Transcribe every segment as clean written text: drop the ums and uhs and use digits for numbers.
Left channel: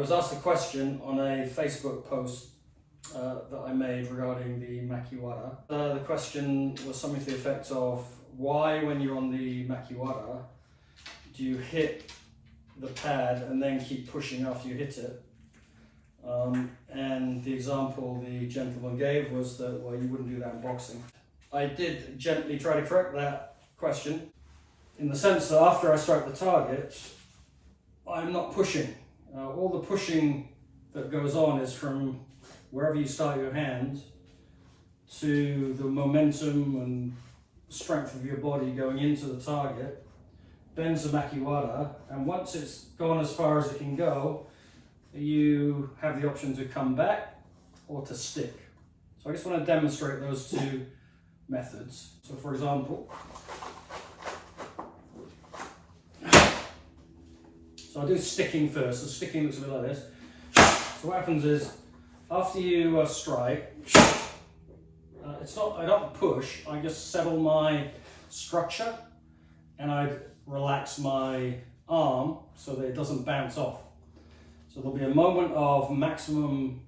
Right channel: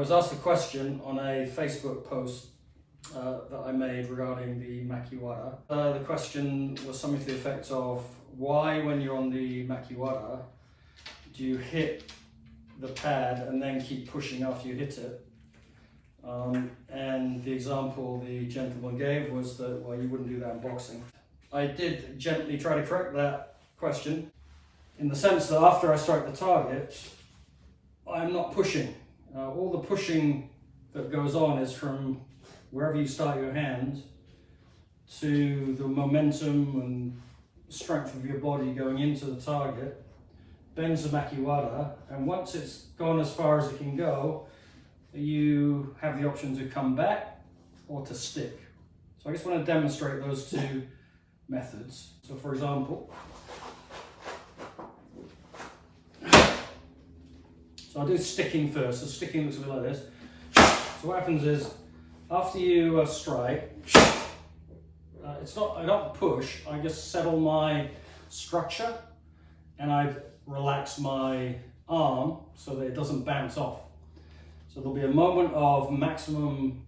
was asked a question on a Facebook post that I made regarding the Makiwara. The question was something to the effect of, why when you're on the Makiwara do you hit the pad and then keep pushing after you hit it? And the example the gentleman gave was that, well, you wouldn't do that in boxing. I did gently try to correct that question in the sense that after I strike the target, I'm not pushing. All the pushing that goes on is from wherever you start your hand to the momentum and strength of your body going into the target, bends the Makiwara, and once it's gone as far as it can go, you have the option to come back or to stick. So I just want to demonstrate those two methods. So for example, so I'll do sticking first. So sticking looks a bit like this. So what happens is, after you strike, I don't push, I just settle my structure and I relax my arm so that it doesn't bounce off. So there'll be a moment of maximum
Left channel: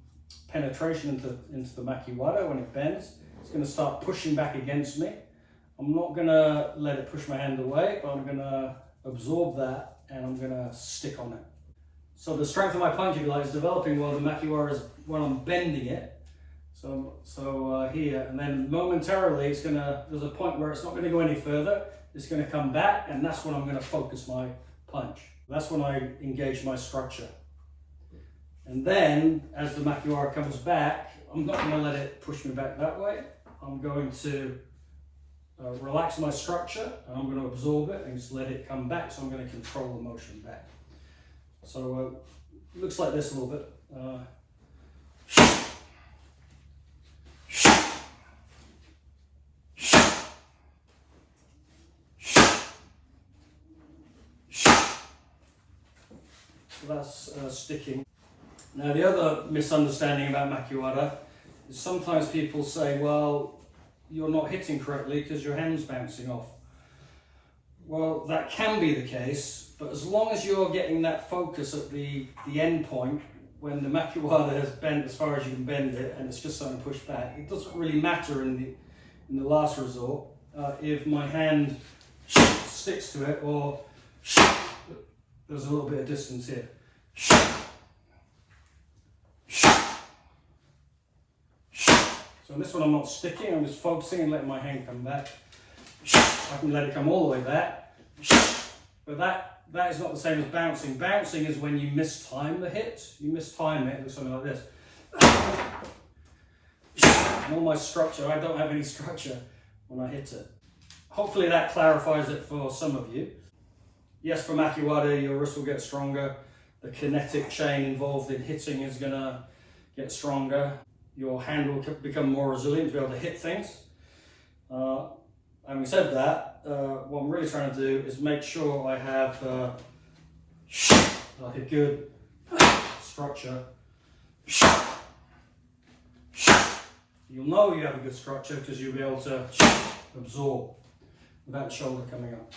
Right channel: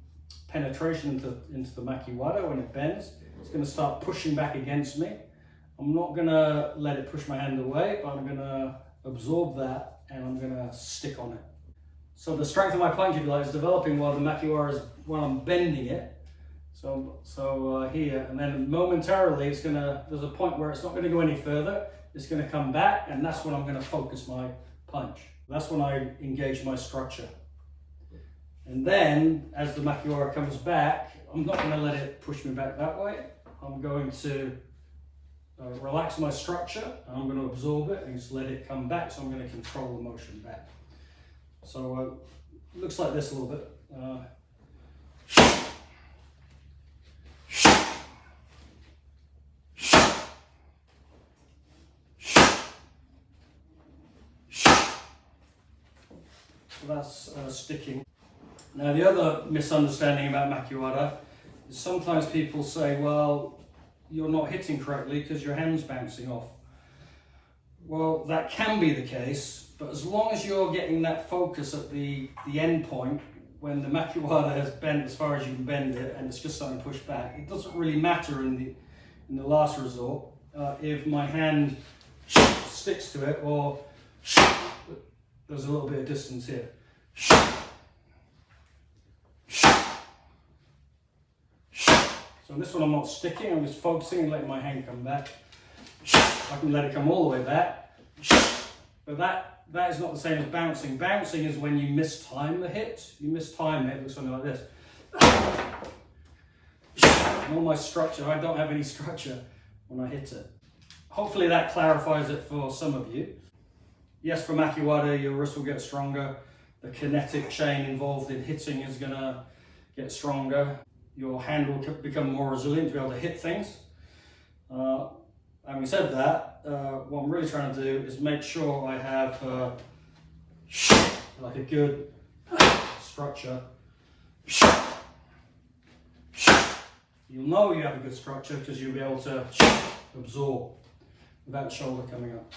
penetration into the Makiwara when it bends. It's going to start pushing back against me. I'm not going to let it push my hand away, but I'm going to absorb that and I'm going to stick on it. So the strength of my punch, if you like, is developing while the Makiwara is, while I'm bending it. So here, and then momentarily there's a point where it's not going to go any further. It's going to come back, and that's when I'm going to focus my punch. That's when I engage my structure. And then, as the Makiwara comes back, I'm not going to let it push me back that way. I'm going to relax my structure, and I'm going to absorb it and just let it come back, so I'm going to control the motion back. So it looks like this a little bit. So that's sticking. Now the other misunderstanding about Makiwara is sometimes people say, well, you're not hitting correctly because your hand's bouncing off. Well, that can be the case, but as long as you're getting that focus at the end point, when the Makiwara has bent as far as you can bend it and it's just starting to push back, it doesn't really matter in the last resort if my hand sticks to it or there's a little bit of distance here. So in this one I'm not sticking, I'm just focusing and letting my hand come back. I can let it come all the way back. But that is not the same as bouncing. Bouncing is when you mistime the hit. You mistime it, it looks something like this. And all my structure, I don't have any structure when I hit it. Hopefully that clarifies it for some of you. Yes, for Makiwara, your wrist will get stronger. The kinetic chain involved in hitting is going to get stronger. Your hand will become more resilient to be able to hit things. Having said that, what I'm really trying to do is make sure I have like a good structure. You'll know you have a good structure because you'll be able to absorb without the shoulder coming up.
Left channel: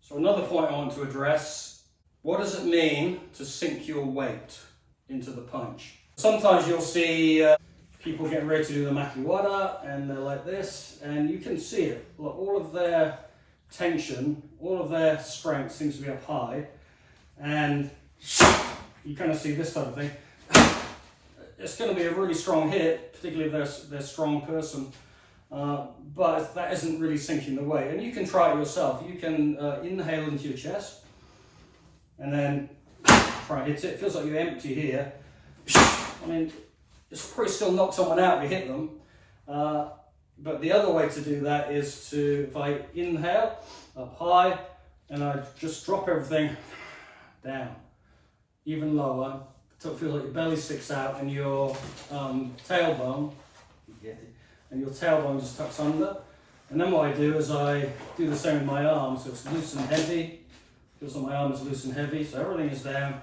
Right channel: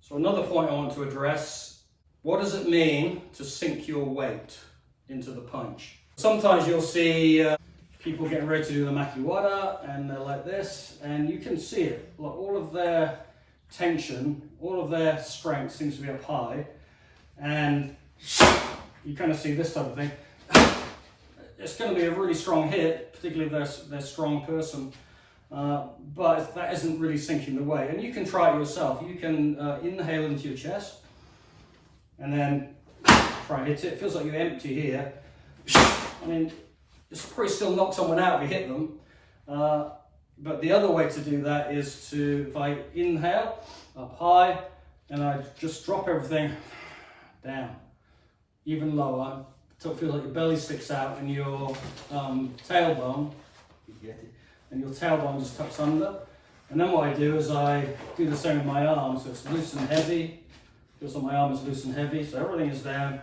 So another point I want to address, what does it mean to sink your weight into the punch? Sometimes you'll see people getting ready to do the Makiwara and they're like this, and you can see it. Like all of their tension, all of their strength seems to be up high, and you kind of see this type of thing. It's going to be a really strong hit, particularly if they're a strong person, but that isn't really sinking the weight. And you can try it yourself. You can inhale into your chest and then try and hit it. It feels like you empty here. I mean, you'll probably still knock someone out if you hit them. But the other way to do that is to, if I inhale up high and I just drop everything down, even lower, until it feels like your belly sticks out and your tailbone, you get it, and your tailbone just tucks under. And then what I do is I do the same with my arm, so it's loose and heavy. Feels like my arm is loose and heavy, so everything is down.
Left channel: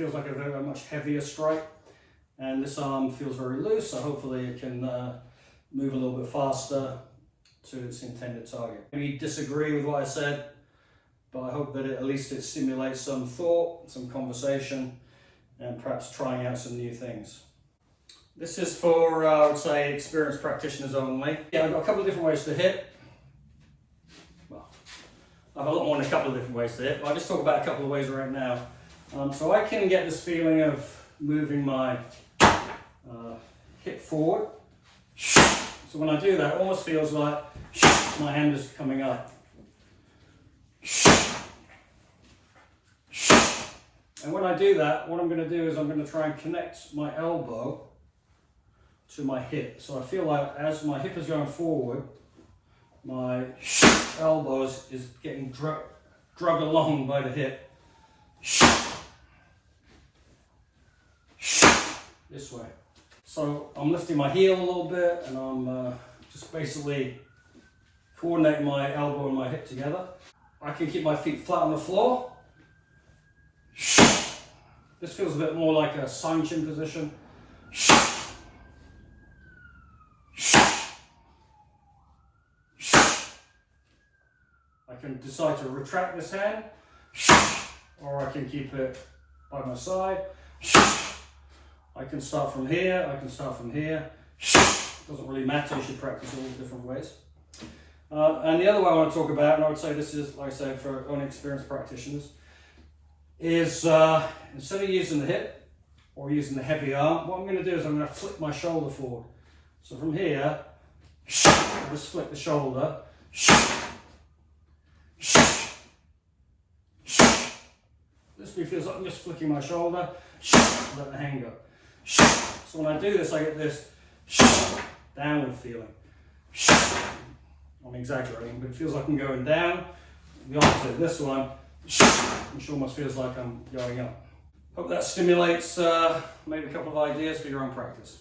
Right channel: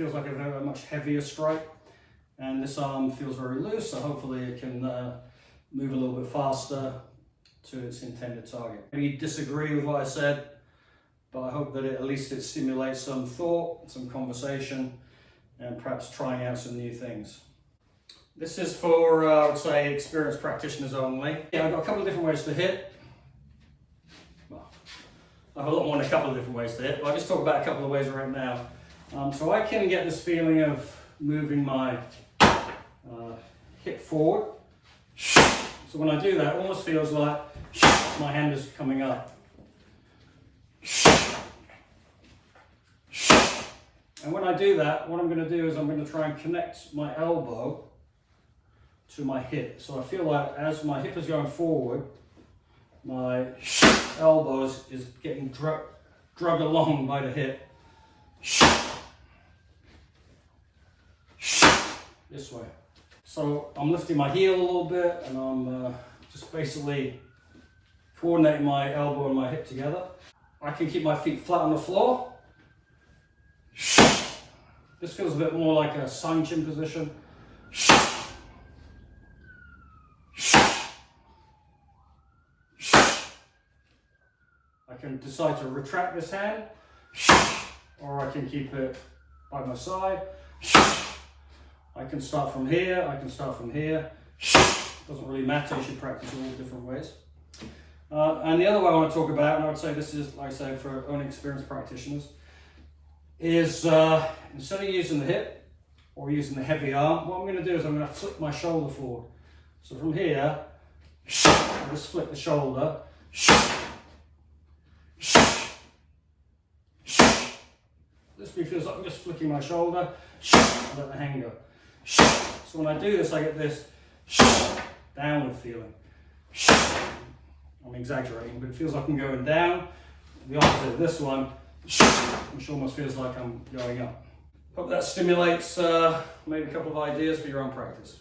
feels like a very much heavier strike. And this arm feels very loose, so hopefully it can move a little bit faster to its intended target. Maybe you disagree with what I said, but I hope that at least it stimulates some thought, some conversation, and perhaps trying out some new things. This is for, I would say, experienced practitioners only. Yeah, I've got a couple of different ways to hit. Well, I have a lot more than a couple of different ways to hit, but I'll just talk about a couple of ways right now. So I can get this feeling of moving my hip forward. So when I do that, it almost feels like my hand is coming up. And when I do that, what I'm going to do is I'm going to try and connect my elbow to my hip. So I feel like as my hip is going forward, my elbow is getting dragged along by the hip. This way. So I'm lifting my heel a little bit, and I'm just basically coordinating my elbow and my hip together. I can keep my feet flat on the floor. This feels a bit more like a Sanchin position. I can decide to retract this hand, or I can keep it by my side. I can start from here, I can start from here. It doesn't really matter, you should practice all the different ways. And the other way I want to talk about, and I would say this is, like I said, for only experienced practitioners, is instead of using the hip or using the heavy arm, what I'm going to do is I'm going to flick my shoulder forward. So from here, I just flick the shoulder. This feels like I'm just flicking my shoulder, let the hand go. So when I do this, I get this downward feeling. I'm exaggerating, but it feels like I'm going down. The opposite of this one, which almost feels like I'm going up. Hope that stimulates maybe a couple of ideas for your own practice.